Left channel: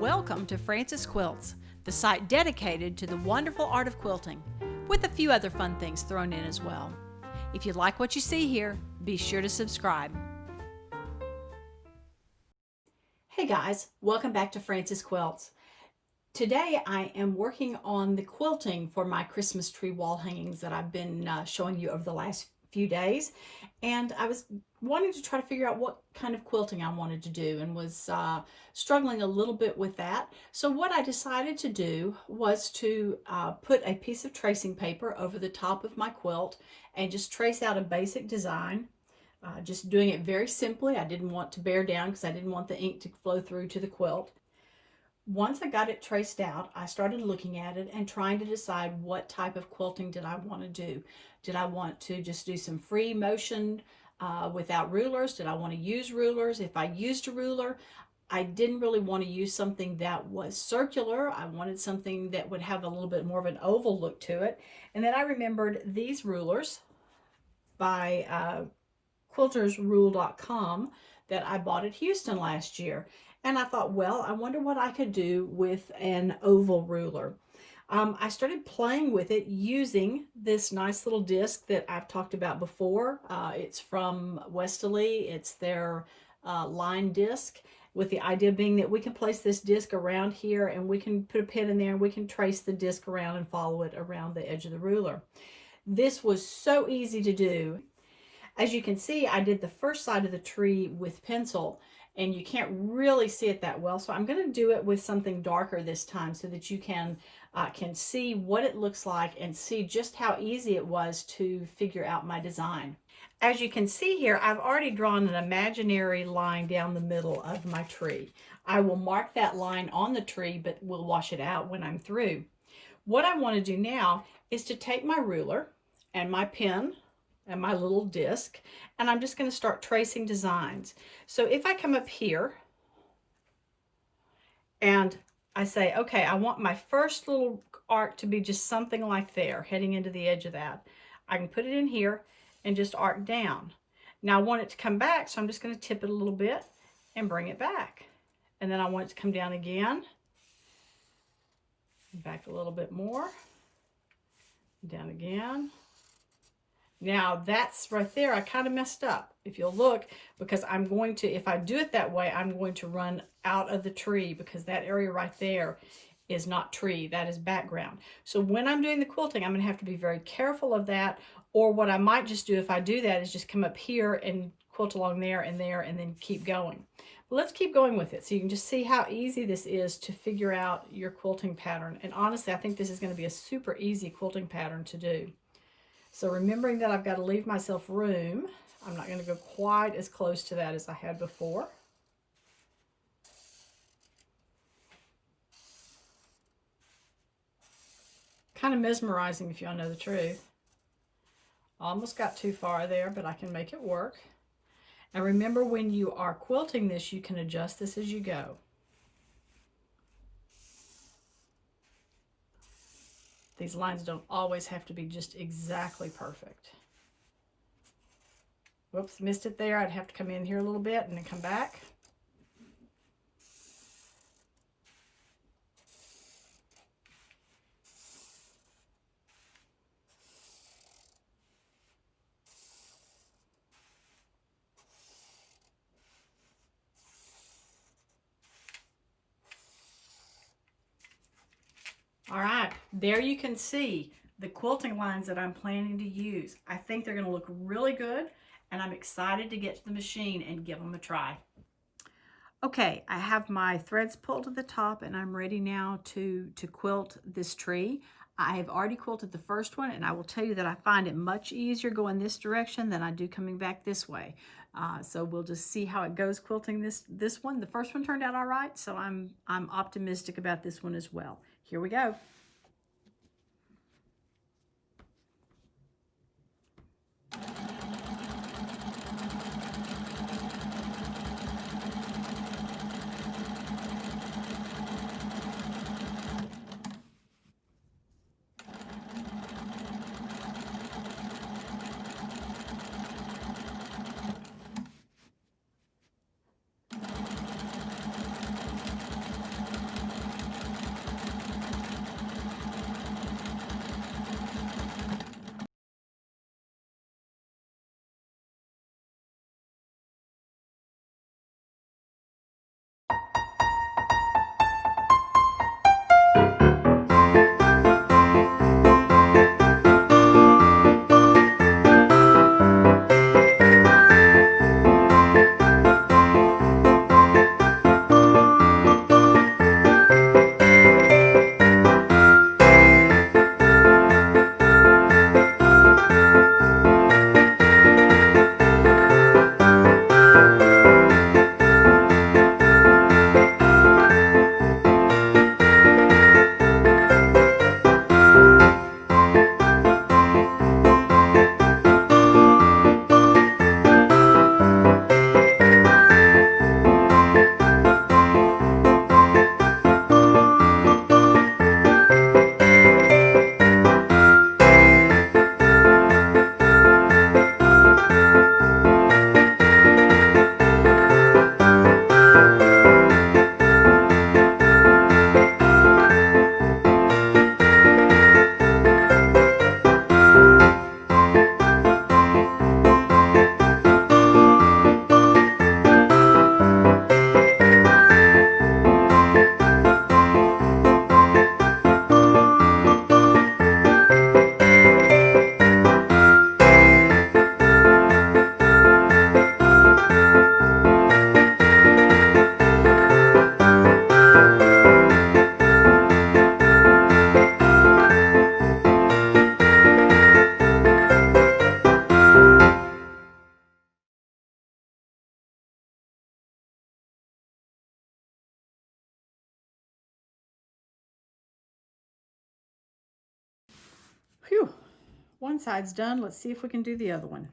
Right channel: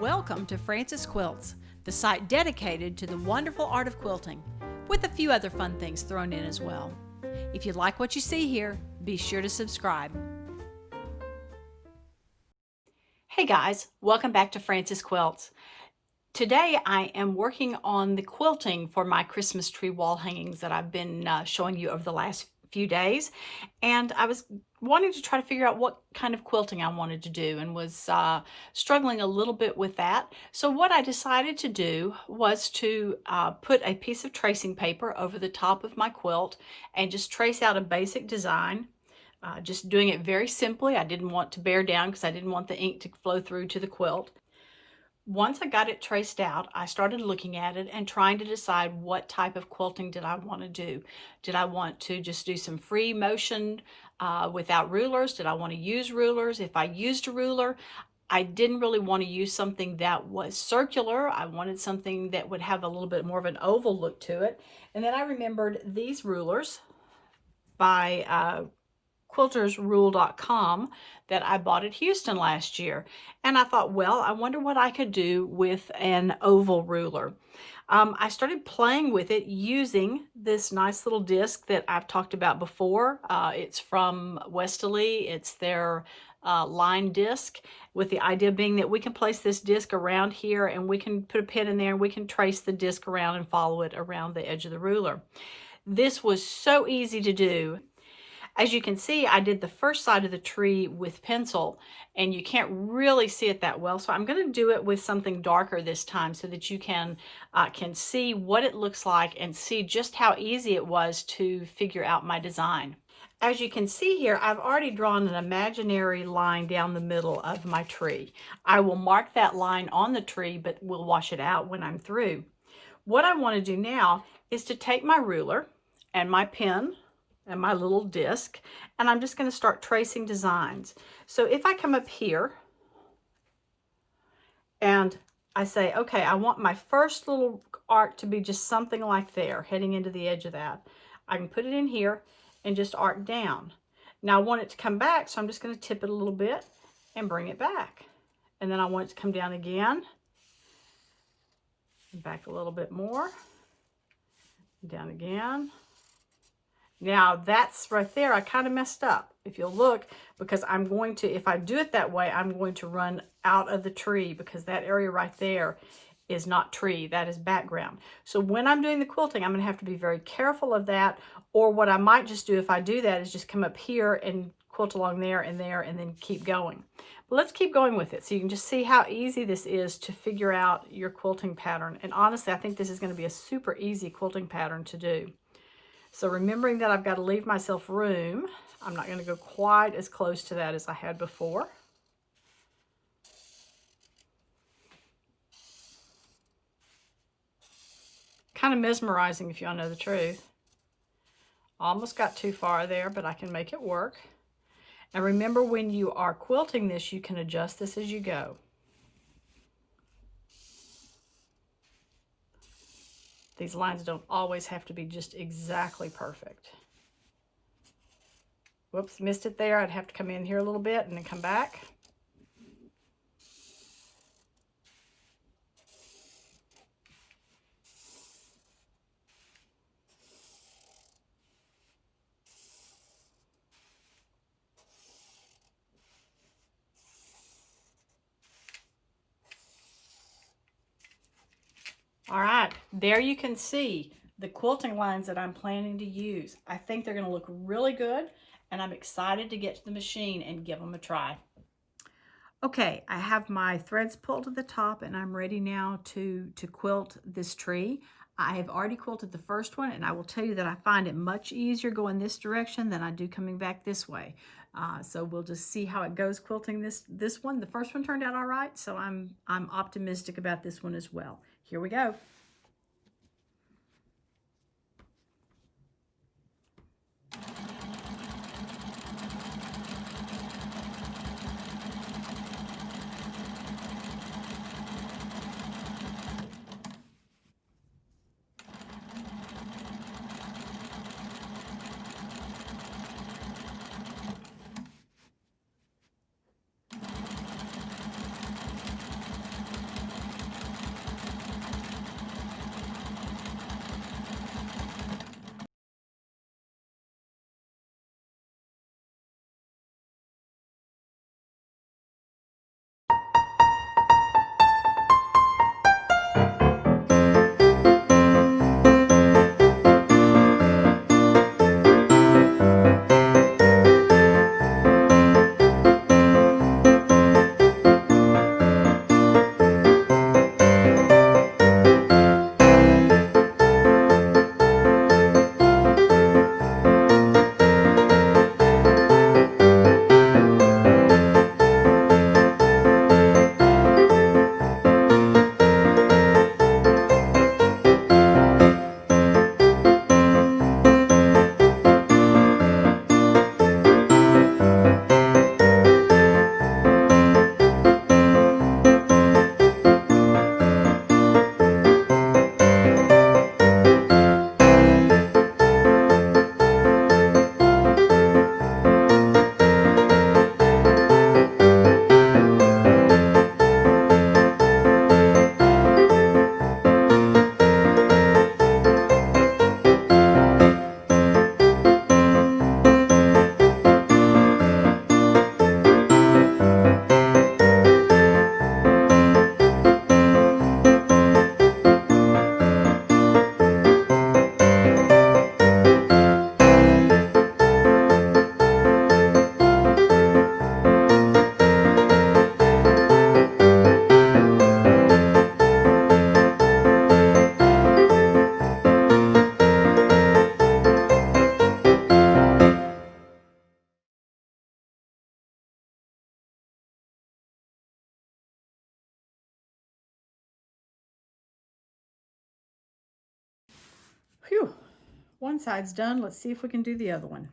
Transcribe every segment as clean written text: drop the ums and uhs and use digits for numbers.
Welcome to Frances Quilts, the site dedicated to the wonderful art of quilting, with a few other fun things thrown in as well. If you like what you see here, be sure to subscribe. Hey guys, welcome back to Frances Quilts. Today I am working on the quilting for my Christmas tree wall hangings that I've been showing you over the last few days, and I was wanting to try to figure out what kind of quilting I wanted to do and was struggling a little bit with that. So what I decided to do was to put a piece of tracing paper over the top of my quilt and just trace out a basic design. Just doing it very simply. I didn't want to bear down because I didn't want the ink to flow through to the quilt. Once I got it traced out, I started looking at it and trying to decide what type of quilting did I want to do. Did I want to just do some free motion without rulers? Did I want to use rulers? If I used a ruler, I didn't really want to use something that was circular. I wanted something that would have a little bit more of an oval look to it. And then I remembered these rulers by quiltersrule.com that I bought at Houston last year. And I thought, well, I wonder what I could do with an oval ruler. I started playing with it using this nice little disc that I've talked about before. It's from Westalee. It's their line disc, with the idea being that we can place this disc around here and we can put a pin in there and we can trace the disc around and follow it around the edge of the ruler. This was so easy to do. As you can see, I did the first side of the tree with pencil, and you can't really see it that well. So I'm going to do it with something darker this time so that you can see what it looks like and see just how easy it was to figure out my design. As you can see here, I've already drawn an imaginary line down the middle of my tree. I will mark that line on the tree, but we'll wash it out when I'm through. What I want to do now is to take my ruler and my pen and my little disc, and I'm just going to start tracing designs. So if I come up here and I say, okay, I want my first little arc to be just something like there, heading into the edge of that. I can put it in here and just arc down. Now I want it to come back, so I'm just going to tip it a little bit and bring it back. And then I want it to come down again, back a little bit more, down again. Now that's right there, I kind of messed up. If you'll look, because I'm going to, if I do it that way, I'm going to run out of the tree because that area right there is not tree, that is background. So when I'm doing the quilting, I'm gonna have to be very careful of that. Or what I might just do if I do that is just come up here and quilt along there and then keep going. But let's keep going with it so you can just see how easy this is to figure out your quilting pattern. And honestly, I think this is gonna be a super easy quilting pattern to do. So remembering that I've got to leave myself room, I'm not going to go quite as close to that as I had before. Kind of mesmerizing if you all know the truth. Almost got too far there, but I can make it work. And remember, when you are quilting this, you can adjust this as you go. These lines don't always have to be just exactly perfect. Whoops, missed it there. I'd have to come in here a little bit and then come back. All right, there you can see the quilting lines that I'm planning to use. I think they're going to look really good, and I'm excited to get to the machine and give them a try. Okay, I have my threads pulled to the top, and I'm ready now to quilt this tree. I have already quilted the first one, and I will tell you that I find it much easier going this direction than I do coming back this way. So we'll just see how it goes quilting this one. The first one turned out all right, so I'm optimistic about this one as well. Here we go. Phew, one side's done. Let's see if we can do the other one.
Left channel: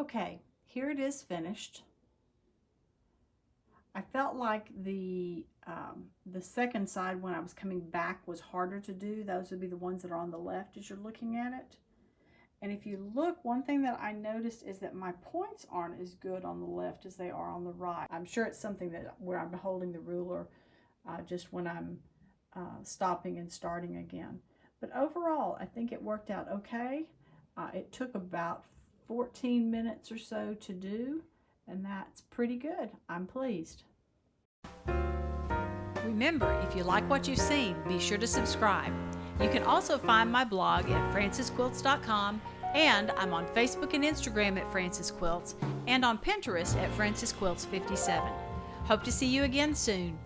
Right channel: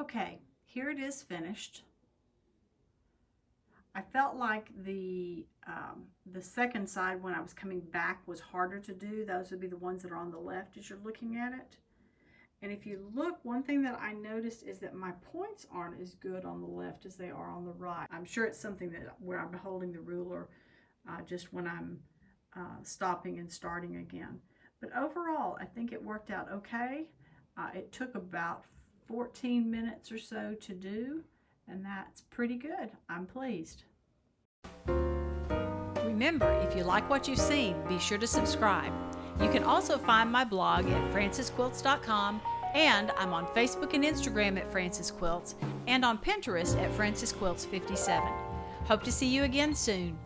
Okay, here it is finished. I felt like the second side when I was coming back was harder to do. Those would be the ones that are on the left as you're looking at it. And if you look, one thing that I noticed is that my points aren't as good on the left as they are on the right. I'm sure it's something that where I'm holding the ruler just when I'm stopping and starting again. But overall, I think it worked out okay. It took about 14 minutes or so to do, and that's pretty good. I'm pleased. Remember, if you like what you've seen, be sure to subscribe. You can also find my blog at francisquilts.com, and I'm on Facebook and Instagram at Francis Quilts, and on Pinterest at Francis Quilts 57. Hope to see you again soon.